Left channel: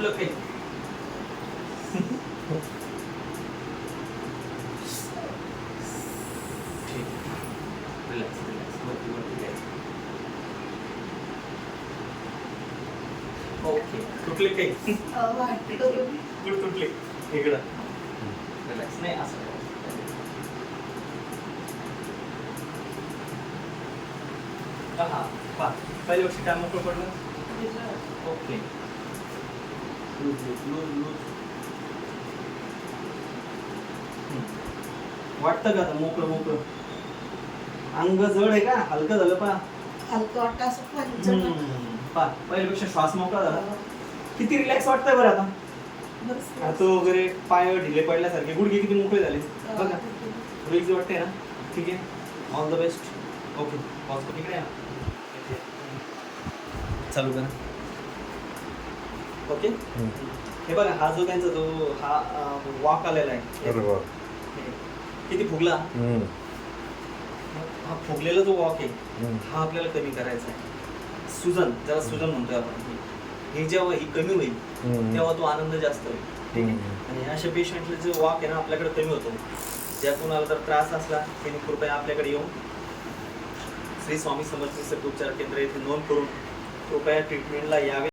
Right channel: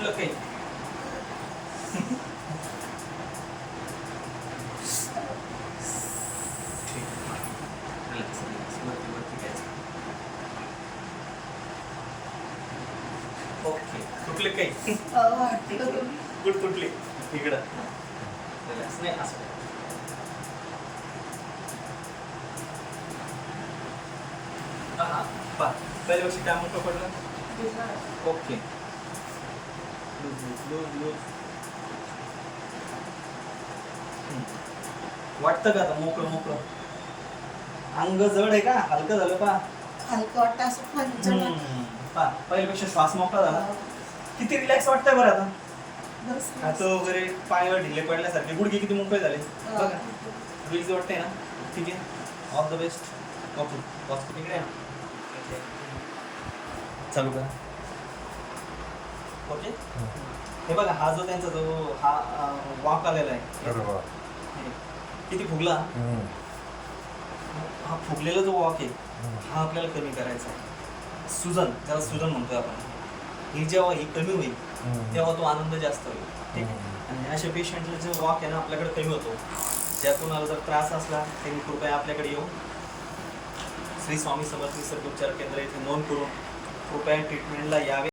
सुटलं काही ठीक आहे. रिलॅक्स रिलॅक्स वरती वरती घ्यायचं. ओके तुटले काही गुड तुटले इकडं रिलॅक्स नाही असं हा पा पहिल्या लक्ष काय मोकळं पडलं okay loose loose loose loose वाटतं का आता मोकळं मोकळं अंग जड आहे का हलकं झालं पा हलकं वाटतं असं पण पा पहिल्यापेक्षा श्वास मोकळा झाला किती रिलॅक्स वाटतंय बरं आता हात वगैरे पाय ढिले पडल्यासारखे गुडघे किती मोकळे झाले बघा वीज वाटते ना ठीक आहे all the best okay pause इकडे या. चालू करा ओके हे बघा हा जो त्यांचा जो हा वॉक आलेला आहे बरोबर किती फुगला हा फुगलेला जो वॉक आहे हा आपल्याला कमी करायचा आहे सुजन ज्याला सुजन म्हणतो आपण हे जेव्हा ही कमी होईल तेव्हा तो आनंद जास्त होईल ठीक आहे आणि अशा पेशंटला जो वॉक आहे ना आपल्याकडे कमी होतो ज्या कोणाला जर त्रास असला त्यांनी कृपया आपल्याकडे येऊन श्री स्वामी समर्थ निसर्ग उपचार केंद्र इथे नोंद करून कृपया ट्रीटमेंटला यावे.